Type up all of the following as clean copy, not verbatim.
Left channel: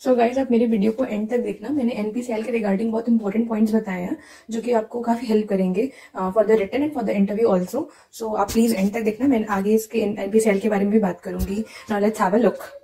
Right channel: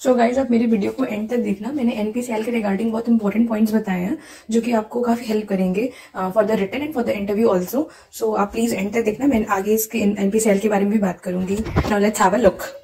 So guys आप मेरे video को एंड तक देखना। मैंने एनपीसीएल के रिगार्डिंग बहुत इंपॉर्टेंट पॉइंट्स बताए हैं जो कि आपको काफी हेल्प करेंगे for the written and for the interview also. So आप प्लीज एंड तक देखना। मैं आगे इसके एनपीसीएल के बारे में भी बात करूंगी। Now let's have a look.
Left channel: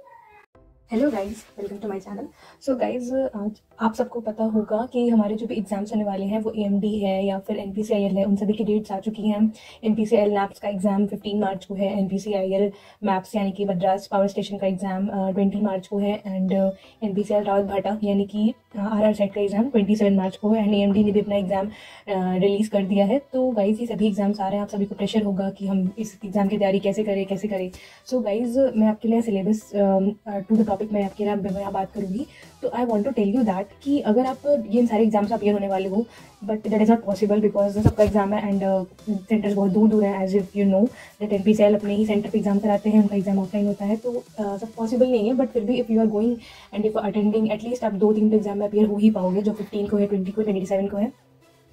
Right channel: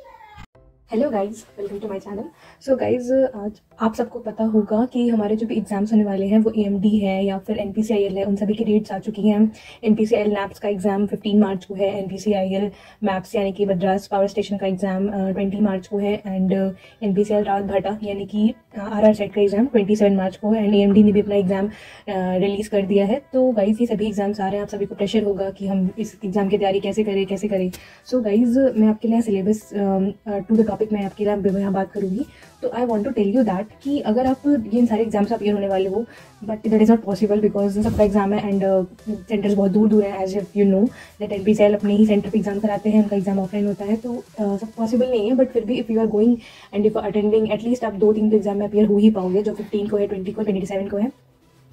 Hello guys, welcome to my channel. So guys आज आप सबको पता होगा कि हमारे जो भी एग्जाम्स होने वाले हैं वो एएमडी है या फिर एनपीसीआईएल है, उन सभी की डेट्स आ चुकी हैं। एनपीसीआईएल नैप्स का एग्जाम 15 मार्च को है, एनपीसीआईएल मैप्स यानी कि मद्रास पावर स्टेशन का एग्जाम 20 मार्च को है, एंड एनपीसीएल रावत भाटा यानी कि आरआर साइड का एग्जाम 27 मार्च को है, एंड एएमडी ने भी अपना एग्जाम रिलीज कर दिया है। तो गाइज ये सभी एग्जाम्स आ रहे हैं, आप सभी को प्रेशर होगा कि हम इस एग्जाम की तैयारी कैसे करें। सो गाइज मैं आपके लिए सिलेबस टू द टॉपिक मैं आपके लिए यहाँ बात करूँगी। तो I want to tell you that कि अगर आप ये सारे एग्जाम्स अपियर होने वाले हो, but that is not possible because सबका एग्जाम है एंड सेंटर्स बहुत दूर दूर है। As if you know that NPCIL अपने ही सेंटर पर एग्जाम कराते हैं, उनका एग्जाम ऑफलाइन होता है, तो सब पॉसिबल नहीं है। बट फिर भी if you are going and if attending at least आप 2-3 एग्जाम में अपियर हो ही पाओगे, जो 15 को है, 20 को, 27 को है।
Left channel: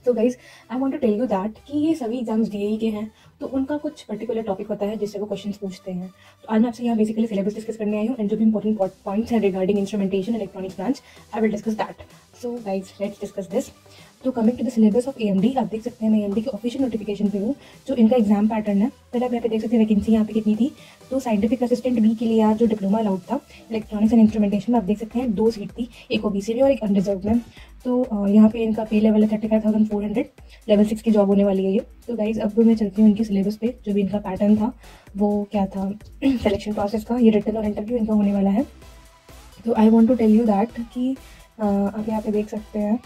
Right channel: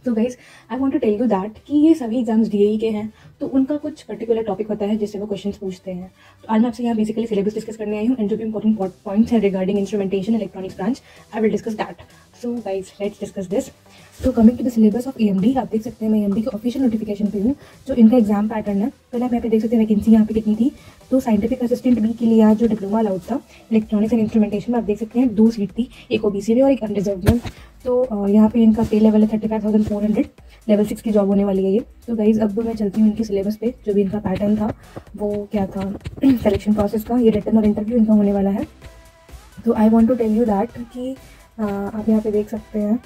तो guys I want to tell you that कि ये सभी एग्जाम्स डीएई के हैं, तो उनका कुछ पर्टिकुलर टॉपिक होता है जिससे वो क्वेश्चंस पूछते हैं। तो आज मैं आपसे यहाँ बेसिकली सिलेबस डिस्कस करने आई हूँ, एंड जो भी इंपॉर्टेंट पॉइंट्स है regarding instrumentation electronics branch, I will discuss that. So guys let's discuss this. तो coming to the syllabus of AMD, आप देख सकते हैं मैं एएमडी के ऑफिशियल नोटिफिकेशन पे हूँ। जो इनका एग्जाम पैटर्न है, पहले आप यहाँ पे देख सकते हैं वैकेंसी यहाँ पे कितनी थी। तो साइंटिफिक असिस्टेंट बी के लिए आज जो डिप्लोमा अलाउड था इलेक्ट्रॉनिक्स एंड इंस्ट्रूमेंटेशन में, आप देख सकते हैं 2 सीट थी, एक ओबीसी में और एक अनरिजर्व में। तो यहाँ पे इनका पे लेवल है 35,400, लेवल 6 की जॉब होने वाली है ये। तो गाइज अब मैं चलती हूँ इनकी सिलेबस पे। जो भी इनका पैटर्न था वो क्या था सिलेक्शन प्रोसेस का, ये रिटन और इंटरव्यू इनका होने वाला है। तो I want to tell you that कि आप यहाँ पे देख सकते हैं।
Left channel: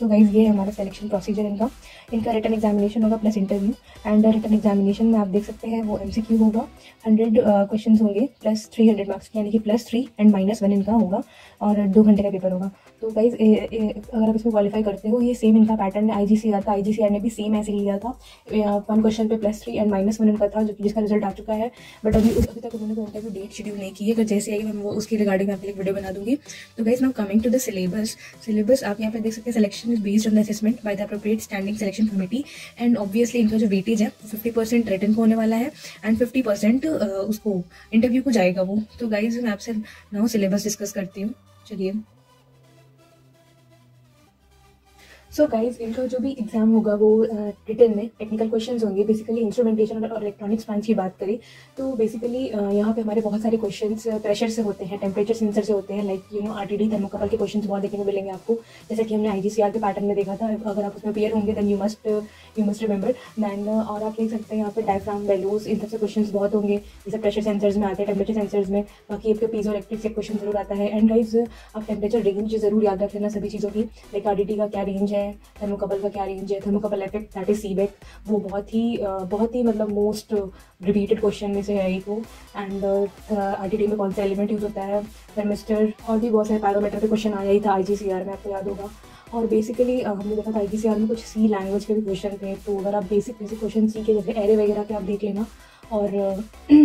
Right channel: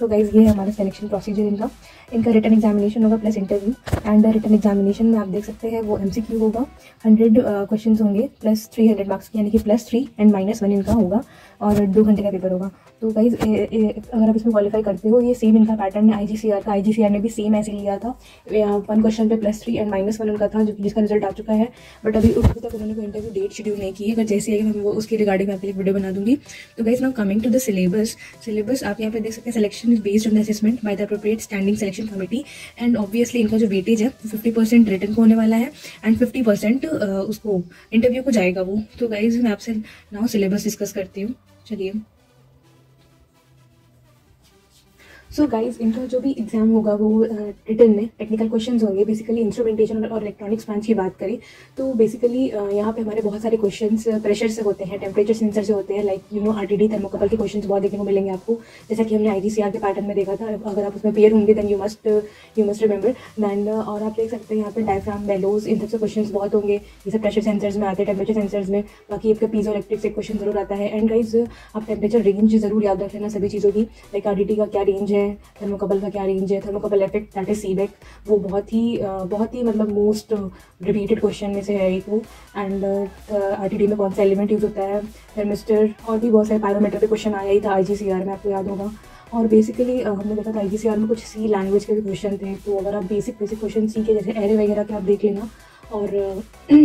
सो गाइज ये है हमारा सिलेक्शन प्रोसीजर इनका रिटन एग्जामिनेशन होगा plus interview. And written examination में आप देख सकते हैं वो एमसीक्यू होगा, 100 क्वेश्चंस होंगे प्लस 300 मार्क्स यानी कि +3 एंड -1 इनका होगा, और 2 घंटे का पेपर होगा। तो गाइज अगर आप इसमें क्वालिफाई करते हो, ये सेम इनका पैटर्न है आईजीसीआर का। आईजीसीआर ने भी सेम ऐसे लिया था, 1 क्वेश्चन पे +3 एंड -1 उनका था, जिसका रिजल्ट आ चुका है। बट अभी तक उन्होंने कोई इंटरव्यू डेट शेड्यूल नहीं की है, बट जैसे आएगी मैं वो उसकी रिगार्डिंग आपके लिए वीडियो बना दूंगी। तो guys now coming to the syllabus आप यहाँ पे देख सकते हैं। Selection is based on the assessment by the appropriate standing selection committee, and obviously इनका जो वेटेज है वो 50% रिटन को होने वाला है एंड 50% उसको इंटरव्यू को जाएगा वो। तो गाइज मैं आपसे नाउ सिलेबस डिस्कस करती हूँ, चलिए। सो गाइज इनका जो भी एग्जाम होगा वो रिटन में टेक्निकल क्वेश्चंस होंगे। बेसिकली इंस्ट्रूमेंटेशन और इलेक्ट्रॉनिक्स ब्रांच की बात करें तो बेसिकली यहाँ पे हमारे बहुत सारे क्वेश्चंस प्रेशर से होते हैं, टेम्परेचर सेंसर से होते हैं, like you know RTD thermocouple के क्वेश्चंस बहुत देखने को मिलेंगे आपको, जैसा कि हमने आईजीसीआर के पैटर्न में देखा था। अगर आप उसमें पेयर होंगे then you must remember than. और आप देख सकते हैं यहाँ पर डायफ्राम, बेलोज, इन सबसे क्वेश्चन बहुत होंगे। ये सब प्रेशर सेंसर्स में आते हैं, टेम्परेचर सेंसर्स में। बाकी आपका पीजो इलेक्ट्रिक से क्वेश्चन जरूर आता है। एंड गाइज आप टेम्परेचर रेंज जरूर याद रख लेना सभी चीज़ों की, लाइक आरटीडी का क्या रेंज है, थर्मोकपल का क्या रेंज है, thermocouple effect that is Seebeck, वो बहुत ही मतलब मोस्ट रिपीटेड क्वेश्चन में से है एक वो। एंड आरटीडी में कौन सा एलिमेंट यूज होता है, थर्मिस्टर, और भी बहुत सारे पैरामीटर पे क्वेश्चन आया ही था आईजीसीआर में, आपको याद होगा। और बेसिकली हमने देखा था आईजीसीआर में कुछ सी लैंग्वेज के भी क्वेश्चन थे। तो अगर आप बेसिक क्वेश्चन सीखे, जैसे एरे वगैरह के आप देख लेना। और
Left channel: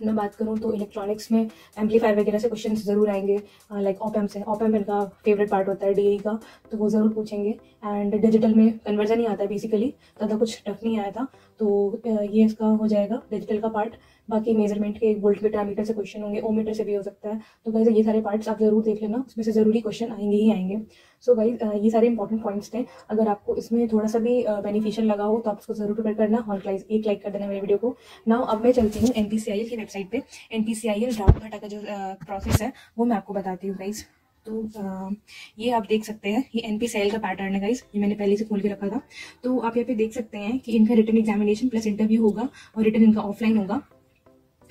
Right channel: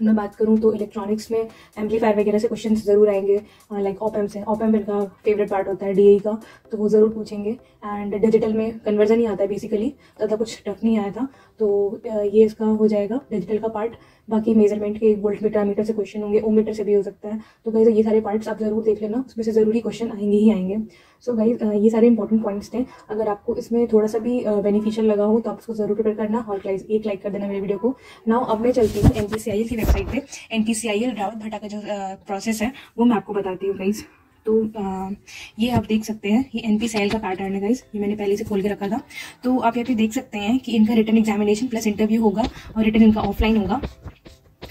मैं बात करूँ तो इलेक्ट्रॉनिक्स में एम्पलीफायर वगैरह से क्वेश्चंस जरूर आएंगे, लाइक ऑप-एम्प से। ऑप-एम्प इनका फेवरेट पार्ट होता है डीएई का, तो वो ज़रूर पूछेंगे। एंड डिजिटल में कन्वर्जन ही आता है बेसिकली, ज़्यादा कुछ टफ नहीं आया था। तो ये इसका हो जाएगा डिजिटल का पार्ट। बाकी मेजरमेंट के वोल्ट मीटर, एमीटर से क्वेश्चन होंगे, ओम मीटर से भी हो सकता है। तो गाइस ये सारे पार्ट्स आप जरूर देख लेना, उसमें से ज़रूरी क्वेश्चन आएंगे ही आएंगे। सो गाइस ये सारे इंपॉर्टेंट पॉइंट्स थे। अगर आपको इसमें थोड़ा सा भी बेनिफिशियल लगा हो तो आप उसको जरूर प्रिपेयर करना, और गाइस एक लाइक कर देना मेरे वीडियो को। नाउ अब मैं चलती हूँ एनपीसीआईएल की वेबसाइट पे। एनपीसीआईएल रावत भाटा का जो प्रोसेस है वो मैं आपको बताती हूँ गाइस। तो ये आप देख सकते हैं, ये एनपीसीआईएल का पैटर्न है गाइस, ये मैंने पहले से खोल के रखा था। तो आप यहाँ पे देख सकते हैं कि इनका रिटन एग्जामिनेशन प्लस इंटरव्यू होगा, और रिटन इनका ऑफलाइन होगा,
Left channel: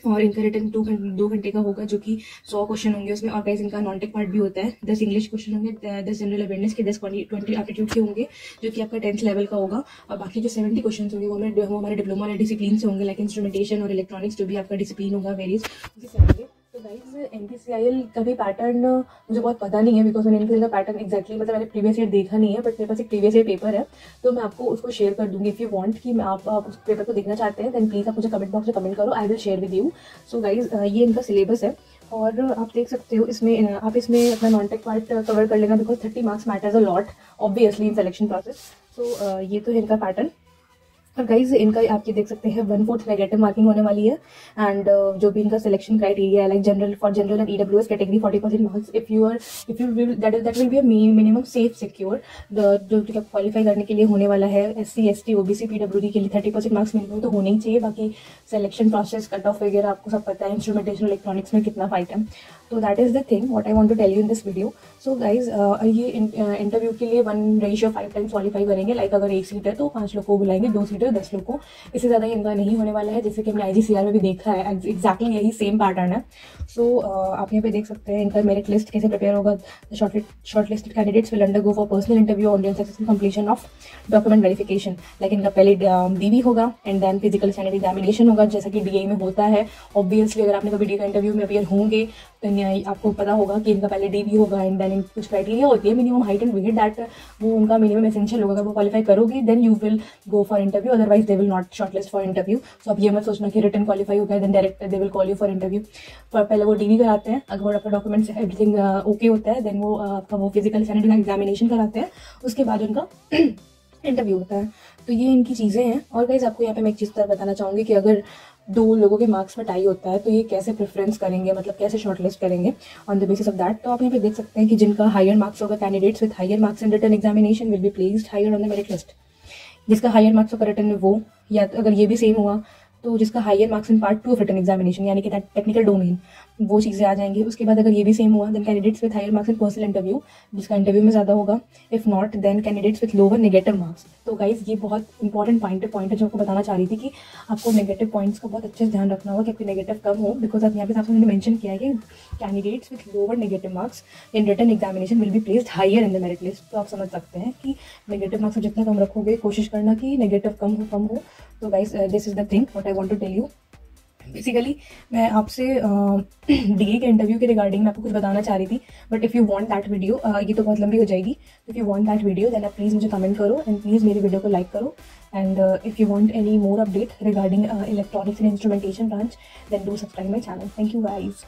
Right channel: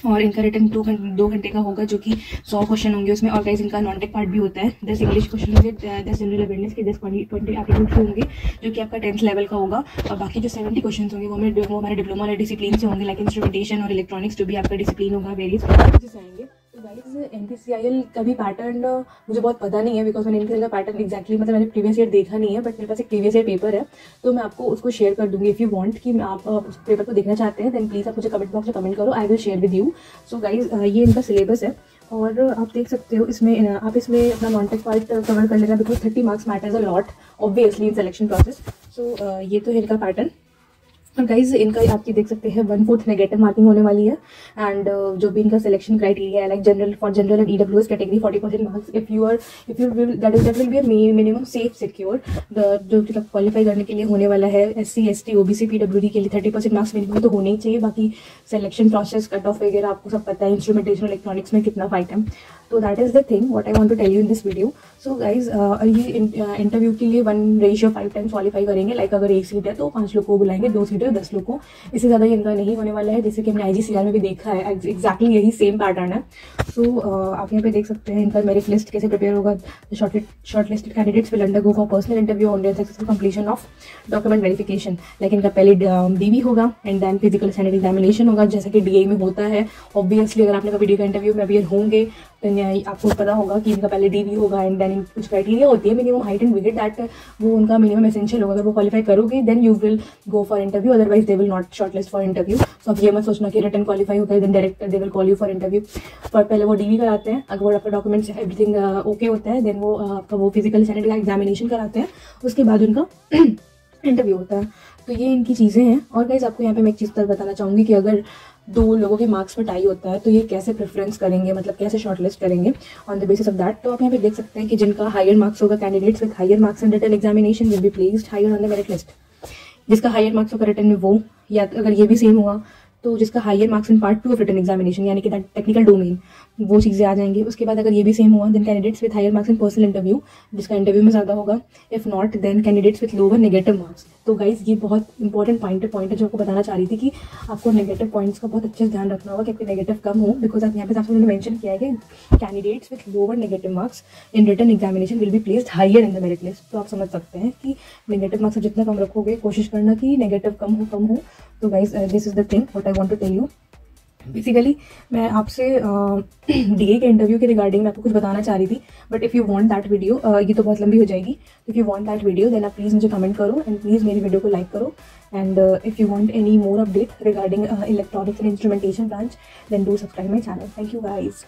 और इनका रिटर्न 2 घंटे का होगा, जो कि 100 क्वेश्चन होंगे उसमें। और गाइस इनका नॉन टेक पार्ट भी होता है, 10 इंग्लिश क्वेश्चन होंगे, 10 जनरल अवेयरनेस के, 10 20 एप्टीट्यूड के होंगे, जो कि आपका 10th लेवल का होगा। और बाकी जो 70 क्वेश्चन होंगे वो हमारे डिप्लोमा वाले डिसिप्लिन से होंगे, लाइक इंस्ट्रूमेंटेशन और इलेक्ट्रॉनिक्स, जो भी आपका डिसिप्लिन होगा वेरियस होंगे। तो गाइस एनपीसीआईएल का भी पैटर्न मुझे बहुत पता नहीं है, बिकॉज मैंने एनपीसीआईएल का पैटर्न एक्जैक्टली मतलब मैंने प्रीवियस ईयर देखा नहीं है, बट मेरे पास एक प्रीवियस ईयर पेपर है, तो मैं आपको उसको शेयर कर दूंगी। इफ़ यू वांट कि मैं आप उस पेपर को देखना चाहते हैं देन प्लीज़ आप मुझे कमेंट बॉक्स में कमेंट करो, I will share with you. So guys ये इनका सिलेबस है, और आप देख सकते हो इसमें आप इसमें अपना नॉन टेक पार्ट कवर कर लेना, because 30 marks matters a lot obviously in selection process. So ये तो है इनका पैटर्न। और गाइज इनका आप ये देख सकते हैं 1/4 नेगेटिव मार्किंग होने वाली है। एंड जो भी इनका सिलेक्शन क्राइटेरिया है, like general for general and EWS category 40% marks if you will that will be minimum safe secure. जो क्वालिफाई करने के लिए होने वाला है SC ST OBC PWD के लिए 30% मार्क्स मिनिमम तो होने ही चाहिए। बाकी सिलेक्शन प्रोसेस कट ऑफ वगैरह आपको सब पता है, इंस्ट्रूमेंटेशन इलेक्ट्रॉनिक्स में कितना फाइट है। तो that is the thing what I want to tell you in this video. So guys ये इंटरव्यू के लिए 1:5 टाइम्स क्वालिफाई करेंगे। लाइक अगर 1 सीट है तो 5 लोग को बुलाएंगे, 2 सीट है 10 लोग को, इससे ज़्यादा ये इनका नहीं होने वाला है। जैसे कि हमने IGCR में भी देखा है, एग्जैक्टली यही सेम पैटर्न है। सो आप यहाँ पे देख सकते हैं इनका मेरिट लिस्ट कैसे प्रिपेयर होगा। Shortlisted candidates will undergo for personal interview on their successful completion of document verification. Like इनका पहले DV होगा and then physical standard examination होगा, जैसा कि DA में होता है। ऑब्वियसली अगर आपने कभी DA का इंटरव्यू में अपियर होंगे तो आपको पता होगा कि इनका पहले DV होगा एंड देन कुछ क्राइटेरिया होती है minimum height and weight, that वो उनका मिनिमम एसेंशियल होगा। अगर वो क्वालिफाई करोगे then you will go for interview, otherwise they will not shortlist for interview. So आप ये मत सोचना कि रिटन क्वालिफाई हो गया then direct they will call you for interview. पर पहले वो DV कराते हैं, अगर आपका डॉक्यूमेंट्स एवरीथिंग ओके होता है देन वो आपका वो फिजिकल स्टैंडर्ड का एग्जामिनेशन कराते हैं, उसके बाद उनका इंटरव्यू होता है। तो ये इनकी चीज़ें हैं। और गाइस आपको यहाँ पे मैं एक चीज़ बताना चाहूँगी कि अगर 2 लोगों के मार्क्स पर टाई होता है तो ये कैसे प्रेफरेंस करेंगे, मतलब कैसे शॉर्टलिस्ट करेंगे on the basis of that. तो आप यहाँ पे देख सकते हैं कि जिनका हायर मार्क्स होगा, candidates with higher marks in written examination will be placed higher on the merit list. जिसका हायर मार्क्स होगा रिटन में वो, या अगर ये भी सेम हुआ तो जिसका higher marks in part 2 of written examination यानी कि टेक्निकल डोमेन, वो चीज़ें आ जाएंगी। उसके बाद अगर ये भी सेम हुआ then candidates with higher marks in personal interview, जिसका इंटरव्यू में ज़्यादा होगा। If not then candidates with lower negative marks. तो गाइज ये बहुत इंपॉर्टेंट पॉइंट है जो आपको बताना चाह रही थी कि आपको नेगेटिव पॉइंट्स का बहुत अच्छे से ध्यान रखना होगा कि आपके नेगेटिव कम हो। बिकॉज आप यहाँ पे आपसे मैंने मेंशन किया है कि candidates with lower negative marks in written examination will be placed higher in the merit list. तो आप समझ सकते हैं कि नेगेटिव मार्क्स जितना कम रखोगे, कोशिश करना कि नेगेटिव कम हो। तो guys this is the thing what I want to tell you. Basically मैं आपसे DA के इंटरव्यू के रिगार्डिंग मैं आपको कुछ बताना चाह रही थी, but if you want that video, ये तो बहुत लंबी हो जाएगी। If you want that video then आप प्लीज़ मुझे कमेंट करो एंड प्लीज़ मेरी वीडियो को लाइक करो। And if you want any more update regarding electronics and instrumentation branch then do subscribe my channel. Thank you guys.